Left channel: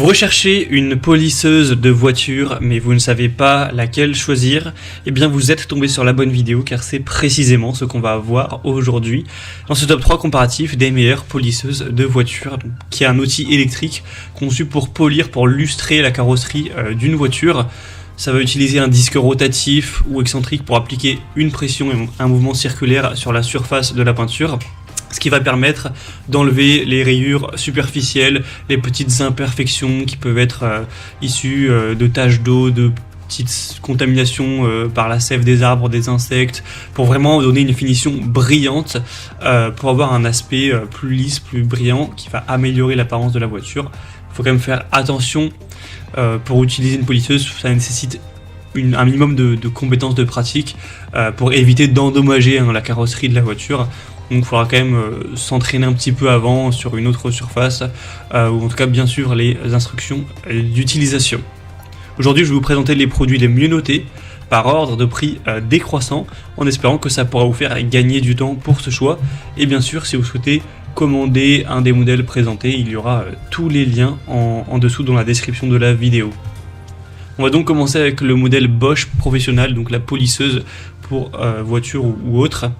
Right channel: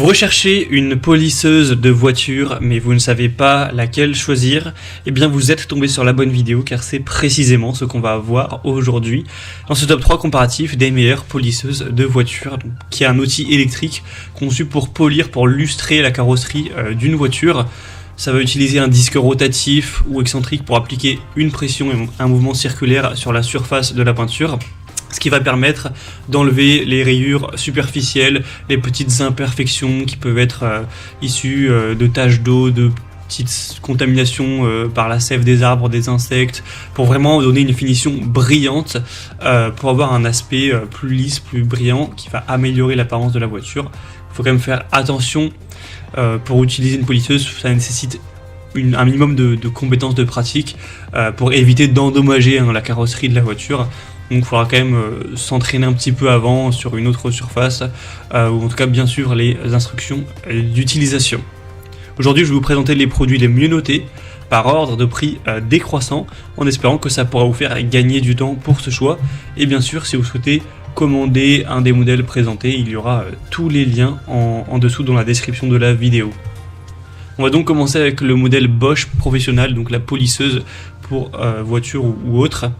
Vous recherchez une polisseuse de voiture, mais vous ne savez pas laquelle choisir, eh bien vous êtes tombé sur la bonne vidéo, car c'est précisément ce qu'on va voir aujourd'hui dans ce top 3 comparatif des meilleures polisseuses de voiture, qui est un outil électrique conçu pour polir, pour lustrer la carrosserie d'une voiture. Ça va utiliser un disque rotatif ou excentrique pour appliquer une pression et un mouvement circulaire sur la surface de la peinture, ce qui va permettre d'enlever les rayures superficielles, les petites imperfections qui peuvent être issues de taches d'eau, de petites contaminations par la sève des arbres, des insectes, pour vraiment donner une finition brillante, pour avoir un aspect plus lisse, plus brillant, qui va améliorer l'apparence de la voiture. Il faut quand même faire attention, pour utiliser une polisseuse, ça nécessite un minimum de compétences de pratique pour éviter d'endommager la carrosserie de la voiture. Donc il faudra quand même s'entraîner un petit peu avant sur une autre surface, ou en tout cas bien sûr les instructions d'utilisation. Aujourd'hui je vais vous présenter les produits les mieux notés par ordre de prix décroissant, en espérant que ça pourra vous faire gagner du temps pour ce choix. Et bien sûr, si vous souhaitez commander un des modèles présentés, il y aura tous les liens en dessous dans la description de la vidéo. On va donc commencer avec le modèle Bosch Professional, donc la polisseuse pour voiture ou autre.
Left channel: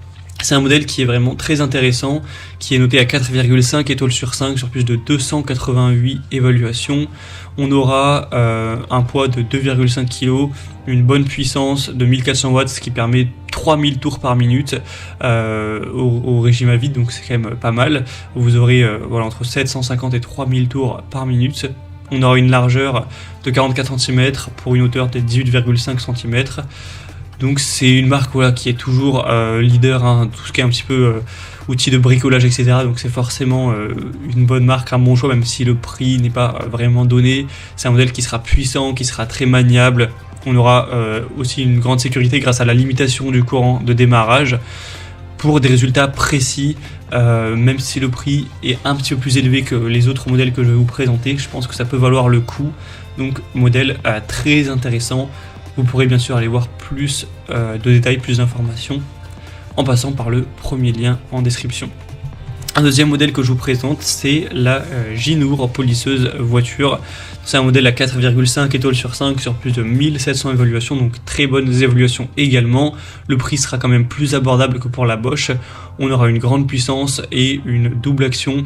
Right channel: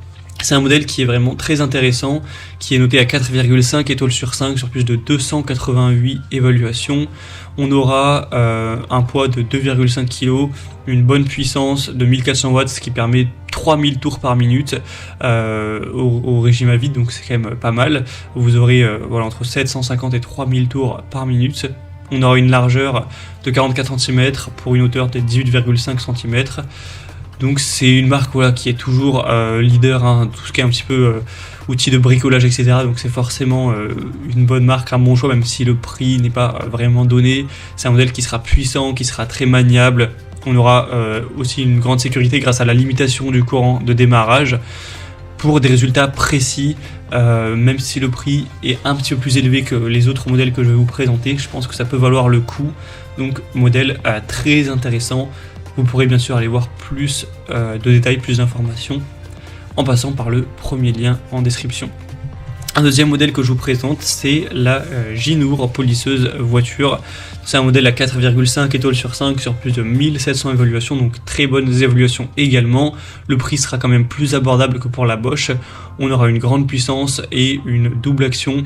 C'est un modèle qui est vraiment très intéressant, qui est noté à 4,5 étoiles sur 5 sur plus de 288 évaluations. On aura un poids de 2,5 kg, une bonne puissance de 1400 watts, ce qui permet 3000 tours par minute au régime à vide, donc c'est quand même pas mal. Vous aurez entre 750 et 3000 tours par minute. On aura une largeur de 44 cm pour une hauteur de 18,5 cm. Donc c'est une marque qui est toujours leader, tout ce qui est un petit peu outils de bricolage, etc. Donc c'est forcément une bonne marque, un bon choix, même si le prix n'est pas vraiment donné. C'est un modèle qui sera puissant, qui sera très maniable. On aura aussi une grande sécurité grâce à la limitation du courant de démarrage pour des résultats précis, même si le prix est un petit peu plus élevé que les autres modèles que je vais vous présenter. Je pense que ça peut valoir le coup. Donc modèle très intéressant. Vous pourrez bien sûr aller voir plus de détails, plus d'informations en passant par le premier lien en description. Un deuxième modèle que je vous présente, c'est la Ginour polisseuse voiture. C'est un modèle à 4,5 étoiles sur 5 sur plus de 1700 évaluations, donc très bonnes évaluations également. Le prix sera quand même plus abordable que pour la Bosch. On aura une grande puissance et une double action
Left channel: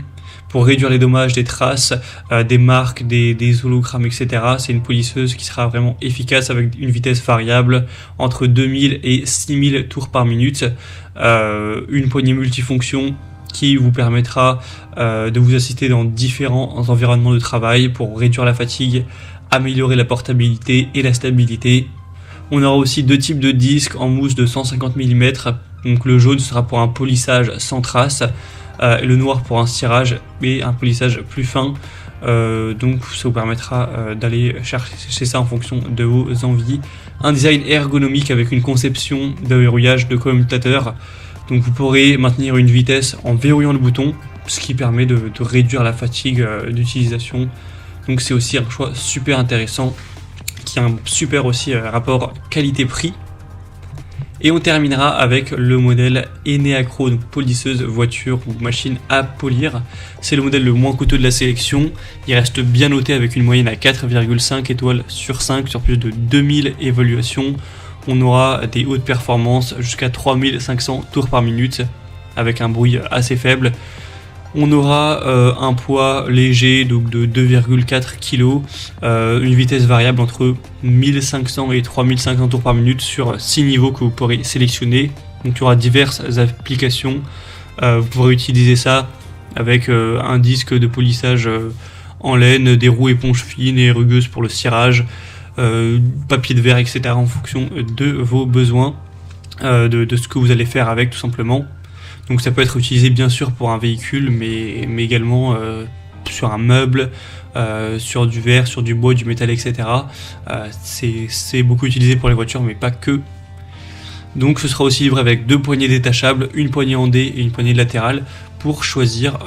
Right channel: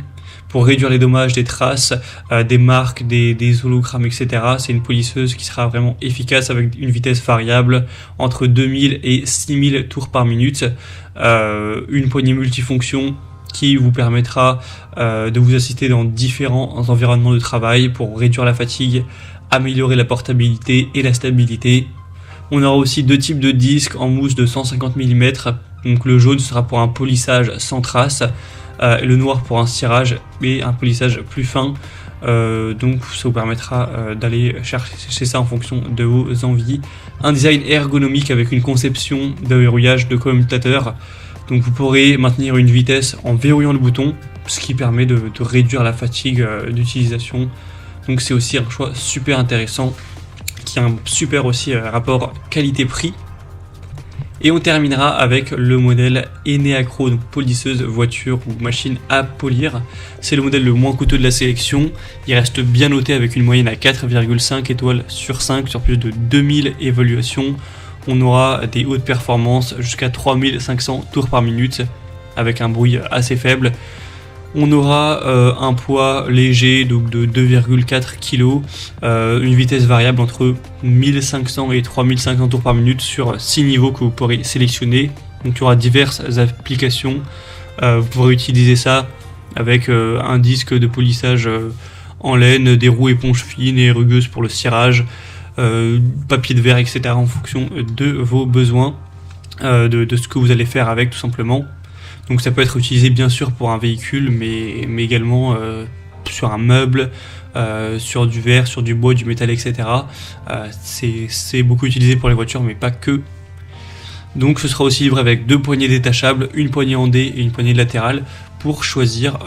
pour réduire les dommages des traces, des marques, des hologrammes, etc. C'est une polisseuse qui sera vraiment efficace avec une vitesse variable entre 2000 et 6000 tours par minute. Une poignée multifonction qui vous permettra de vous assister dans différents environnements de travail pour réduire la fatigue, améliorer la portabilité et la stabilité. On aura aussi deux types de disques en mousse de 150 mm. Donc le jaune sera pour un polissage sans trace, et le noir pour un cirage et un polissage plus fin. Donc ça vous permettra d'aller chercher ça en fonction de vos envies. Un design ergonomique avec une conception de verrouillage de commutateur. Donc vous pourrez maintenir une vitesse en verrouillant le bouton, ce qui permet de réduire la fatigue d'utilisation. Donc c'est aussi un choix super intéressant, qui a un super aussi rapport qualité-prix. Et on terminera avec le modèle Eneacro, donc polisseuse voiture ou machine à polir. C'est le modèle le moins coûteux de la sélection. Il reste bien noté avec une moyenne à 4,5 étoiles sur 5 sur plus de 2000 évaluations. On aura des hautes performances jusqu'à 3500 tours par minute avec un bruit assez faible. On aura un poids léger de 2,4 kg, une vitesse variable entre 1500 et 3500 tours par minute sur 6 niveaux que vous pourrez sélectionner. Donc il y aura diverses applications. Vous pourrez utiliser ça avec un disque de polissage en laine, des roues éponges fines et rugueuses pour le cirage, papier de verre, etc. en fonction de vos besoins, de ce que vous allez faire avec tout simplement. Donc ça peut être utilisé bien sûr pour un véhicule, mais également sur un meuble, sur du verre, sur du bois, du métal, etc. C'est beaucoup utilisé pour les voitures, mais pas que. Donc ce sera aussi livré avec deux poignées détachables, une poignée en D et une poignée latérale, pour choisir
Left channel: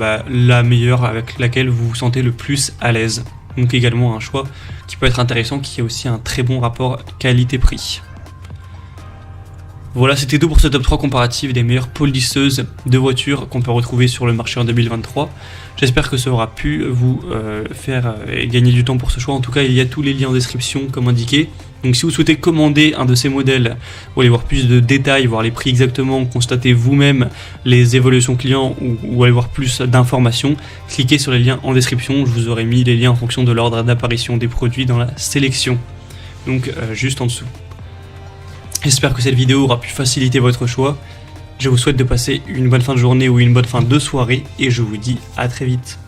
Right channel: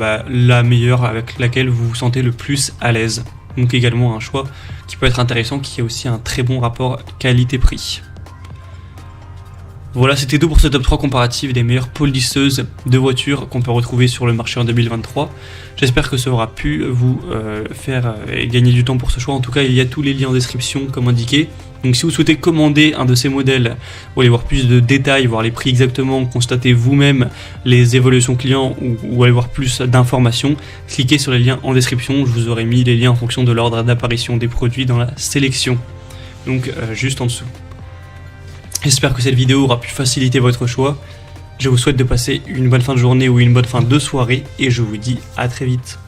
la meilleure avec laquelle vous vous sentez le plus à l'aise. Donc également un choix qui peut être intéressant, qui est aussi un très bon rapport qualité-prix. Voilà, c'était tout pour ce top 3 comparatif des meilleures polisseuses de voitures qu'on peut retrouver sur le marché en 2023. J'espère que ça aura pu vous faire gagner du temps pour ce choix. En tout cas, il y a tous les liens en description comme indiqué. Donc si vous souhaitez commander un de ces modèles pour aller voir plus de détails, voir les prix exactement, constater vous-même les évolutions clients ou avoir plus d'informations, cliquez sur le lien en description. Je vous aurai mis les liens en fonction de l'ordre d'apparition des produits dans la sélection. Donc juste en dessous. J'espère que cette vidéo aura pu faciliter votre choix. Je vous souhaite de passer une bonne fin de journée ou une bonne fin de soirée et je vous dis à très vite.